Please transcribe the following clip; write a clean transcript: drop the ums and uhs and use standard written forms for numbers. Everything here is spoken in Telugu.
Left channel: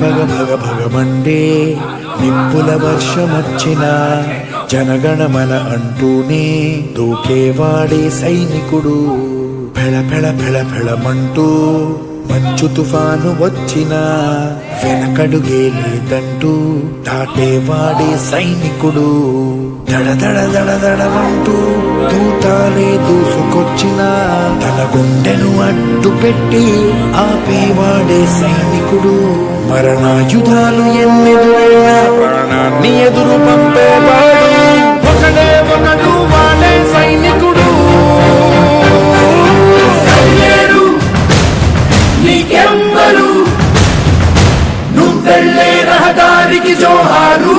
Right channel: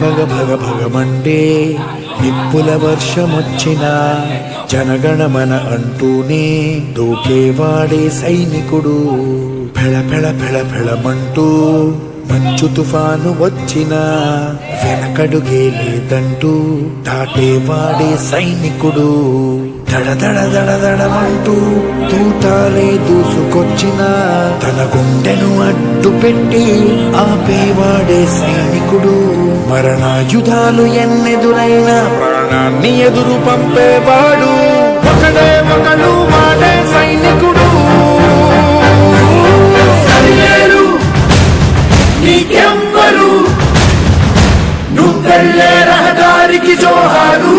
భగ భగ భగమండే నిప్పుల వర్షమొచ్చిన జనగణమన అంటూనే దూకేవాడే సైనికుడు. ఫెళ ఫెళ ఫెళ ఫెళమంటూ మంచు తుఫాను వచ్చినా వెనకడుగే లేదంటూ దాటేవాడే సైనికుడు. దడ దడ దడ దడమంటూ తూటాలే దూసుకొచ్చినా తన గుండెను అడ్డు పెట్టి ఆపేవాడే సైనికుడు. మరణాయుధాలు ఎన్నెదురైనా ప్రాణాన్ని ఎదురు పంపేవాడు ఒకడే ఒకడు, వాడే సైనికుడు. నువ్వెళ్ళే రహదారికి జోహారు.